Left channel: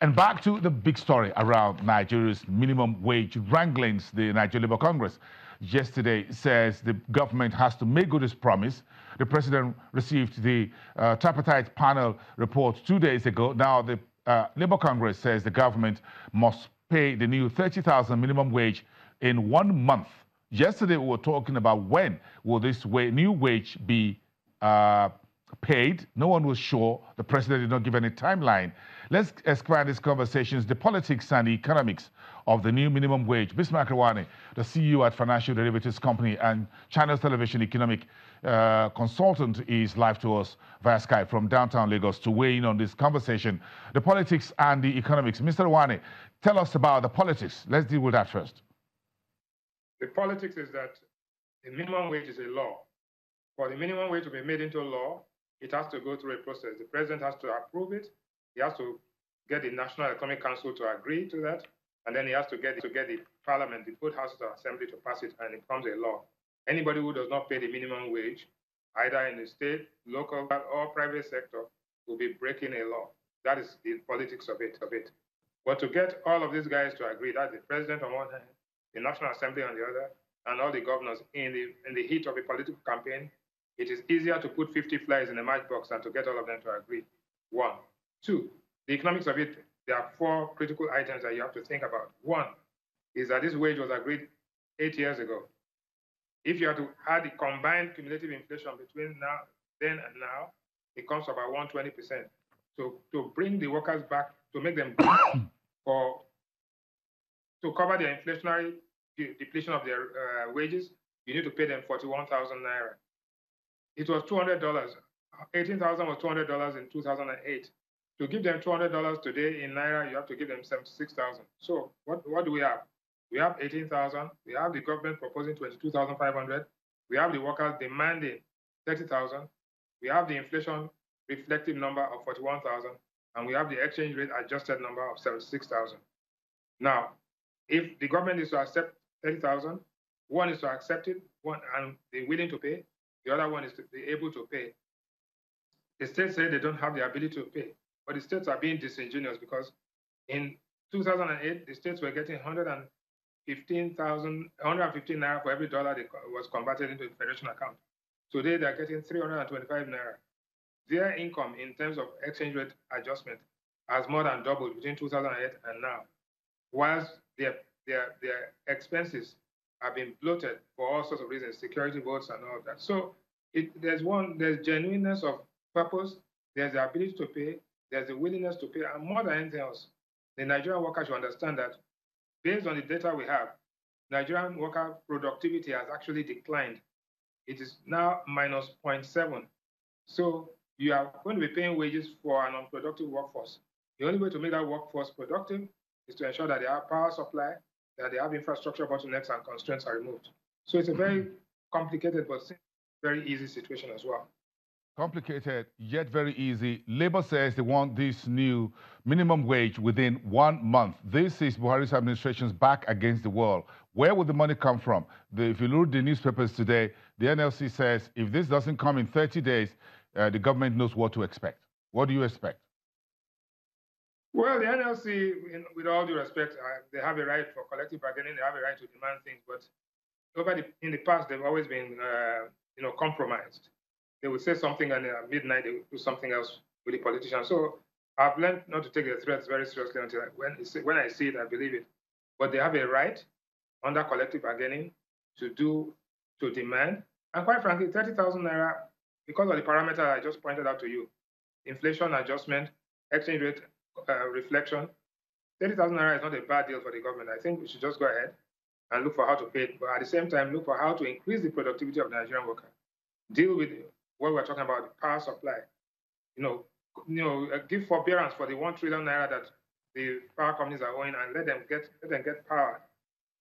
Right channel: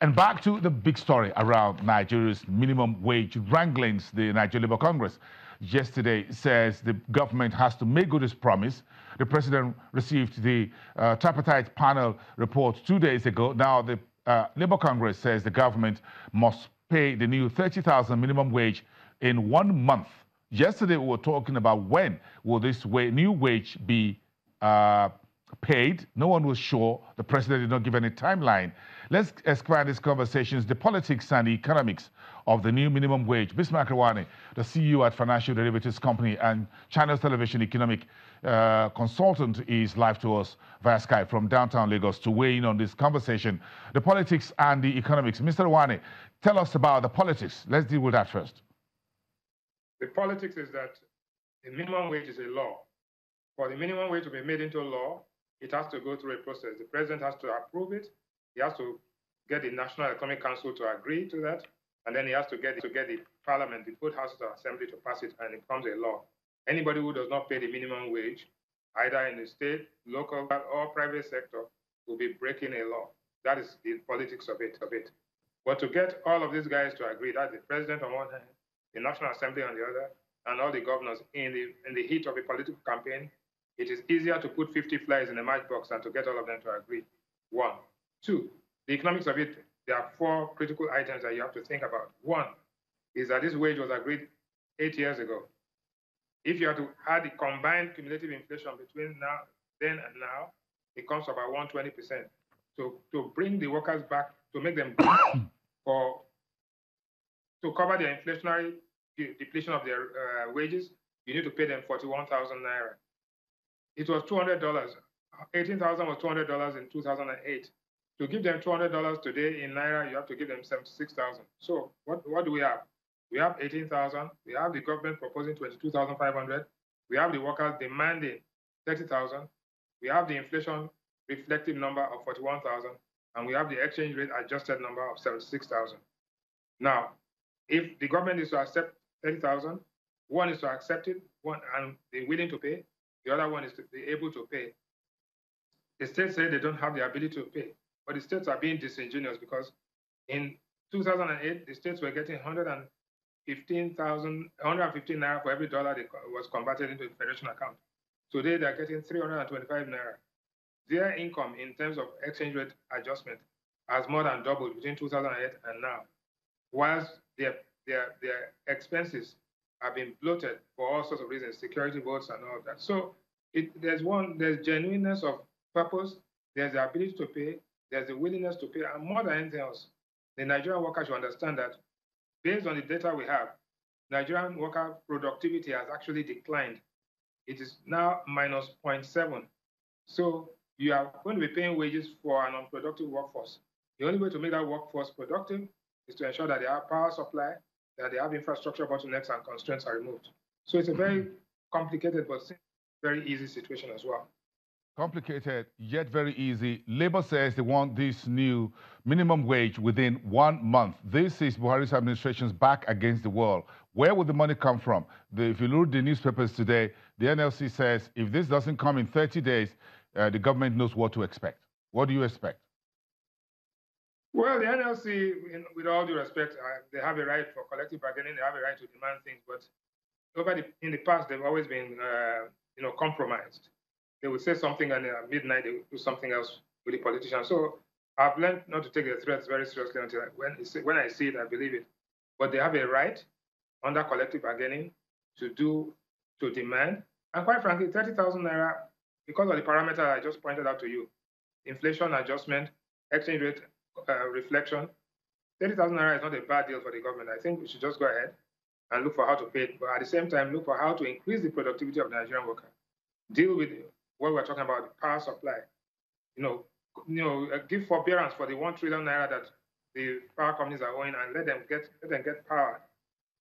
And back to the big story around Nigeria's minimum wage wranglings. The Nigeria Labour Congress yesterday says the government has to make good its promise. The president received the tripartite panel report 2 days ago. Now the Labour Congress says the government must pay the new 30,000 minimum wage in 1 month. Yesterday we were talking about when will this new wage be paid. No one was sure. The president did not give any timeline. Let's expand these conversations, the politics and the economics of the new minimum wage. Bismarck Rawani, the CEO at Financial Derivatives Company and Channels Television economic consultant, is live to us via Skype from downtown Lagos to weigh in on this conversation, the politics and the economics. Mr. Rawani, tell us about the politics. Let's deal with that first. The politics is that the minimum wage is a law. For the minimum wage to be made into law, it has to go through a process. The president has to approve it. He has to get the National Economic Council to agree to that, and then he has to get the Parliament, the both houses of Assembly, to pass it, and it becomes a law. Anybody who does not pay the minimum wage, either in the state, local, or private sector, will be breaking a law. That is the politics of it. But to get all of these guys to agree, that's the president on one hand, the National Assembly on the other, and all the governors in the heat of a political campaign, it is easier to put 50 flies in a matchbox than to get all of them to agree. 1. 2, the economics of it, there are 4 critical items that you have to think about. 1 is that this wage was agreed 8 years ago. If you have to add the combined cumulative inflation between then and now, it comes to about 120%. So to bring the workers back, to make them to cover their inflationary depletion of their wages, you need to pay them 41,000 naira. It was $200. 18,000 was $200 in 2008. To give them $200 today in naira, you have to give them 76,000. So what do we have? We have 18,000. We have the government proposing 22,500. We have the workers demanding 30,000. We have the inflation reflective number of 41,000, and we have the exchange rate adjusted number of 76,000. Now, if the government is to accept 30,000, one is to accept it, and they're willing to pay. The other one is to be able to pay. The states say they don't have the ability to pay, but the states are being disingenuous because in 2008, the states were getting 115 naira for every dollar that was converted into a federation account. Today, they're getting 325 naira. Their income in terms of exchange rate adjustment has more than doubled between 2008 and now, whilst their expenses have been bloated for all sorts of reasons, security votes and all of that. So there's genuineness of purpose, there's the ability to pay, there's the willingness to pay, and more than anything else, the Nigerian worker should understand that based on the data we have, Nigerian worker productivity has actually declined. It is now minus 0.7. So you are going to be paying wages for an unproductive workforce. The only way to make that workforce productive is to ensure that they have power supply, that they have infrastructure bottlenecks and constraints are removed. So it's a very complicated but very easy situation as well. Complicated, yet very easy. Labour says they want this new minimum wage within 1 month. This is Buhari's administration's back against the wall. Where would the money come from? If you read the newspapers today, the NLC says if this doesn't come in 30 days, the government knows what to expect. What do you expect? Well, the NLC, with all due respect, they have a right for collective bargaining. They have a right to demand things, but in the past, they've always been, compromised. They would say something, and at midnight they would do something else with the politicians. So I've learned not to take the threats very seriously until when I see it, I believe it. But they have a right under collective bargaining to demand. And quite frankly, 30,000 naira, because of the parameter I just pointed out to you, inflation adjustment, exchange rate reflection, 30,000 naira is not a bad deal for the government. I think we should just go ahead and look for how to pay it, but at the same time, look for how to increase the productivity of the Nigerian worker. Deal with what we're talking about, the power supply. Give forbearance for the 1 trillion naira that the power companies are owing, and let them get power.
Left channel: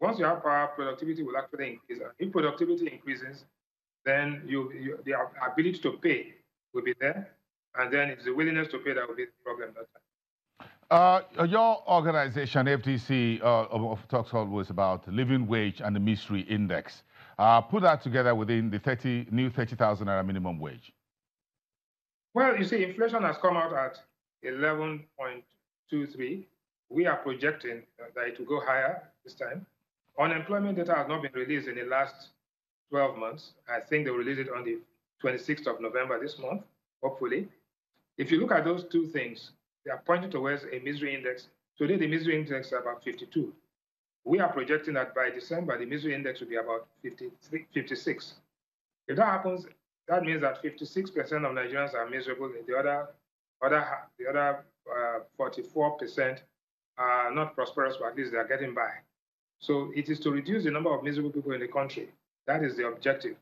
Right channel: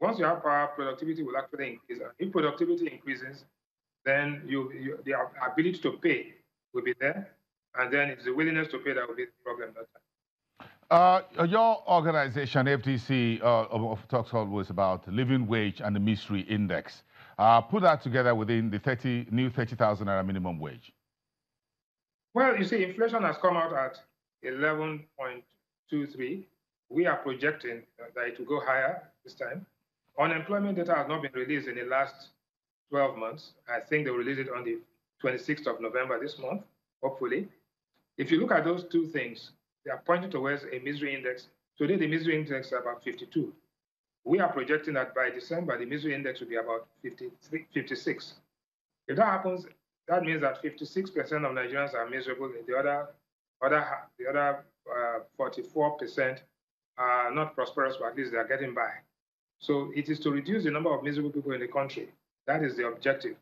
Once you have power, productivity will actually increase. If productivity increases, then the ability to pay will be there, and then it's the willingness to pay that will be the problem that time. Your organization, FDC, talks always about living wage and the mystery index. Put that together within the new 30,000 naira minimum wage. Well, you see, inflation has come out at 11.2%. 2.3. We are projecting that it will go higher this time. Unemployment data has not been released in the last 12 months. I think they will release it on the 26th of November this month, hopefully. If you look at those two things, they are pointing towards a misery index. Today, the misery index is about 52. We are projecting that by December, the misery index will be about 56. If that happens, that means that 56% of Nigerians are miserable. The other 44% are not prosperous, but at least they are getting by. So it is to reduce the number of miserable people in the country. That is the objective.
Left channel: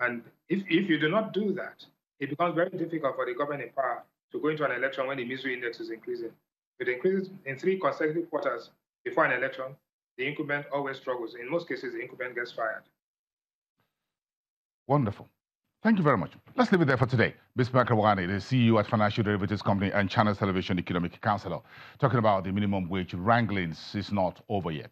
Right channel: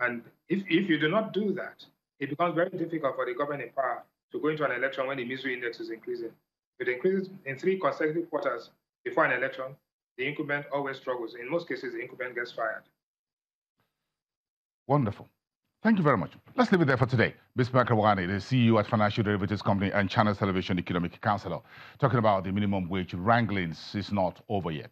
And if you do not do that, it becomes very difficult for the government in power to go into an election when the misery index is increasing. If it increases in 3 consecutive quarters before an election, the incumbent always struggles. In most cases, the incumbent gets fired. Wonderful. Thank you very much. Let's leave it there for today. Bismarck Rawani, the CEO at Financial Derivatives Company and Channels Television Economic Counselor, talking about the minimum wage wranglings is not over yet.